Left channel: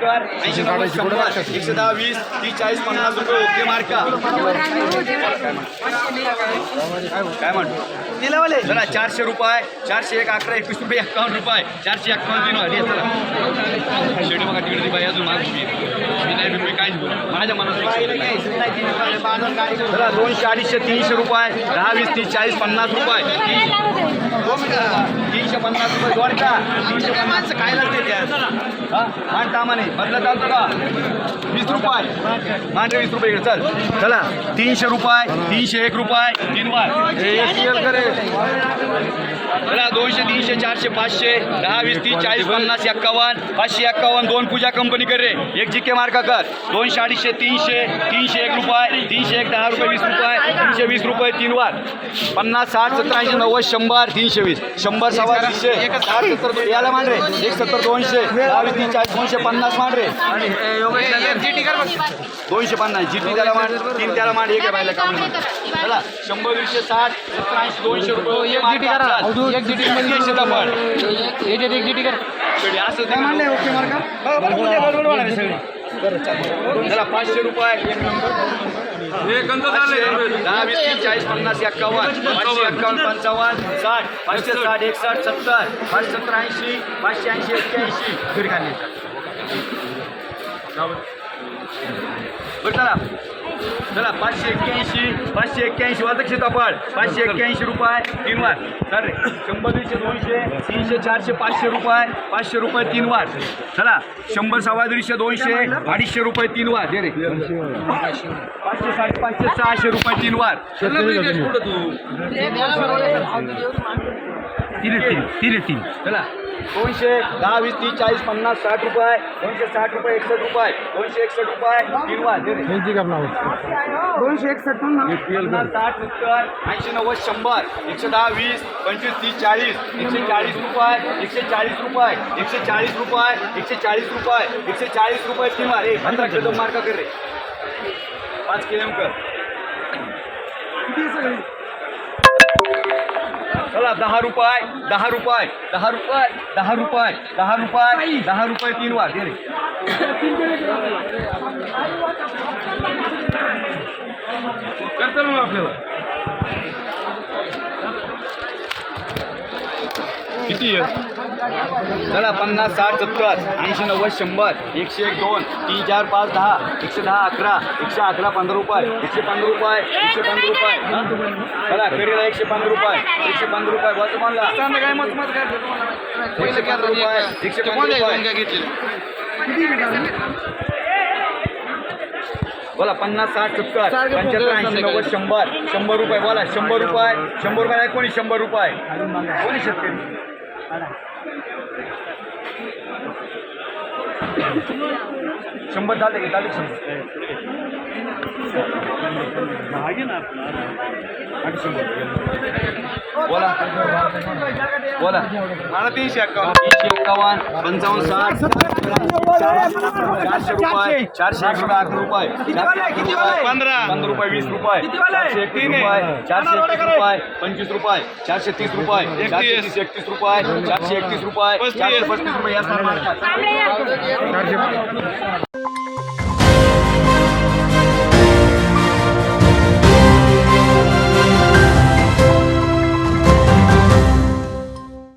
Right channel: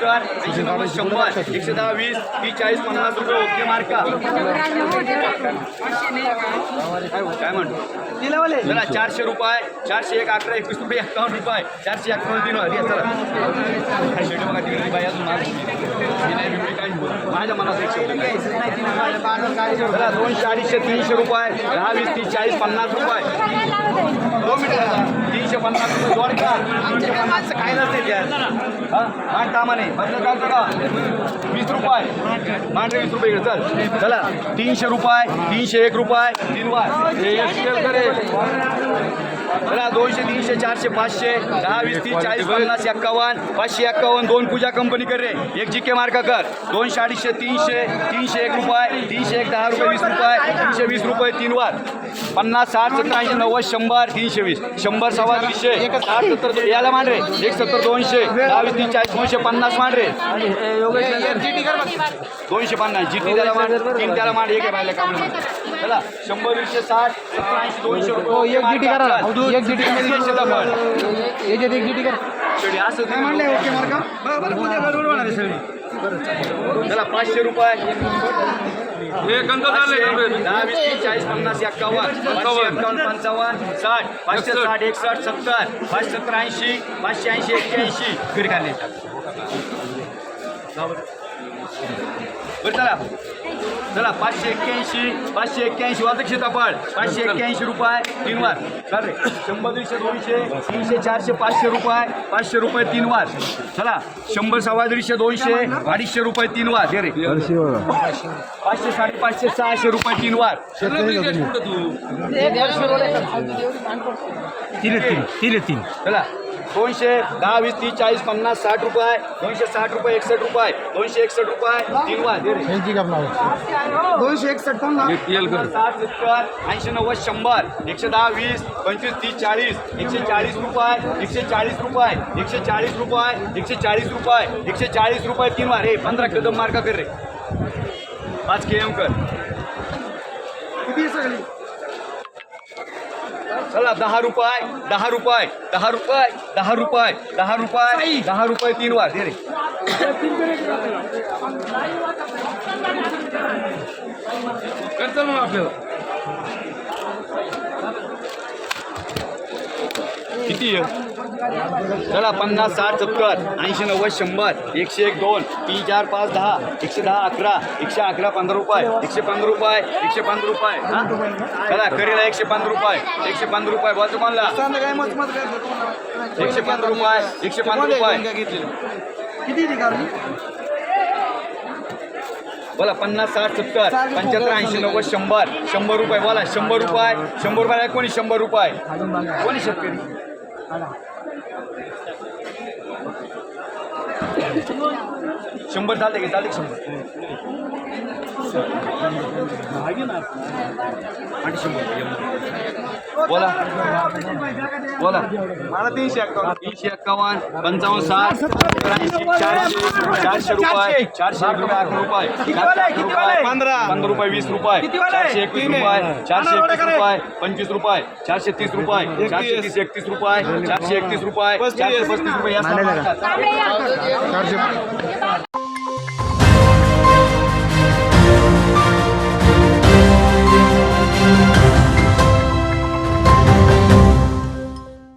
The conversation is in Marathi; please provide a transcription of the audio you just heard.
सत्तर ऐंशी नव्वद शंभर एकशे दहा वीस तीस चाळीस पन्नास रुपये ओके मार्का काय म्हणतो? चला चारशे रुपये चारशे एक अकरा एकवीस रुपये एक्कावन्न रुपये. चारशे एक्कावन्न तीन वाढली चला. शेडी बघा तिकडे ती बाई अजून माग. मी नाही मी बोल माझ्या मनात एक शब्द नाही. चला, दोनशे अडीचशे तीनशे रुपये दहा वीस तीस चाळीस पन्नास रुपये. तीनशे पन्नास रुपये जोड का तीनशे पन्नास. काय नसते त्यात मान तामाने बदलत चालतं का? वीस रुपये. मांडे वीस रुपये इकडे चल. चला. तीनशे रुपये तीनशे एक रुपये तीन वाय. चला दोनशे तीनशे चारशे पाचशे दहा वीस तीस चाळीस पन्नास एक्कावन्न पाचशे एक्कावन्न दोन पूजा कंपनी कर रे. एक जी के मार्का कर. दोनशे अडीचशे तीनशे तीनशे एक रुपये तीनशे एक दहा रुपये वीस रुपये तीनशे वीस रुपये तीन वार. पन्नास साठ सत्तर ऐंशी नव्वद शंभर तीनशे वीस. शंभर सव्वा तीनशे. साठ सत्तर याला मान रे. एक सत्तर दोनशे. दहा वीस तीस चाळीस दोनशे पन्नास मान रे. दोनशे पन्नास. जिती त्याला मान तीन त्याला मान एक आहे बायला काम चला शंभर दीडशे साठ सत्तर ऐंशी दोनशे रुपये. एक जीटी करा. एक जीटी असं ते का? चला पाचशे रुपये. दहा वीस तीस चाळीस पन्नास एक्कावन्न पाचशे एक्कावन्न पंचावन्न साठ पाचशे साठ एकसष्ट सत्तर पाचशे सत्तर ऐंशी पाचशे ऐंशी एक्क्याऐंशी. फिर खाली बरं चला. चला पाचशे एक्क्याऐंशी पाचशे एक्क्याऐंशी वाजक सीताफळ पाचशे एक्क्याऐंशी रुपये तीन वार. सर शंभर दीडशे दोनशे तीनशे चारशे पाचशे रुपये पाचशे रुपये तीन वार. चला. शंभर सव्वा दीडशे दोनशे अडीचशे रुपये तीन वार. दे रे. पाचशे साठ पाचशे सहाशे रुपये तीन वार. तीन तीन तीन तीन. चला. दोनशे दहा वीस तीस चाळीस पन्नास साठ रुपये. दोनशे साठ रुपये एकसष्ट रुपये. दोनशे एकसष्ट रुपये. तीन दोनशे एकसष्ट साठ सत्तर ऐंशी नव्वद शंभर. एकशे दहा वीस पंचवीस तीस चाळीस. एकशे चाळीस रुपये एकशे चाळीस रुपये. एकशे चाळीस रुपये एकशे चाळीस रुपये. एकशे चाळीस रुपये तीन वार रे पंधरा किलो मार्का कर रे? पाच के एम कर. चला दहा रुपये दहा रुपये दहा रुपये दहा रुपये दहा रुपये दहा रुपये तीन वार रे. किती आहे? चला पन्नास साठ सत्तर ऐंशी नव्वद शंभर एकशे एक दोन तीन चार पाच दहा एकशे दहा अकरा एकशे अकरा पंधरा रुपये एकशे पंधरा रुपये एकशे पंधरा रुपये चला करीला एकशे पंधरा रुपये एकशे पंधरा रुपये बस म्हणला एकशे पंधरा रुपये एकशे पंधरा रुपये. बोला पन्नास साठ सत्तर पंच्याहत्तर ऐंशी नव्वद शंभर शंभर रुपये बोला शंभर रुपये शंभर रुपये कोणी शंभर रुपये. कोणी शेतकरी शंभर चालते की चालते शंभर. आणि शंभर. बोला. बोला. मला तीनशे एक्कावन्न तीनशे एक्कावन्न पंचावन्न साठ. चारशे चारशे रुपये चारशे एक रुपये अकरा रुपये चारशे रुपये पंधरा रुपये वीस रुपये चारशे एकवीस रुपये चारशे एकवीस रुपये पंचवीस रुपये चारशे तीस रुपये चारशे तीस एकतीस रुपये चारशे एकतीस रुपये चारशे पस्तीस रुपये चारशे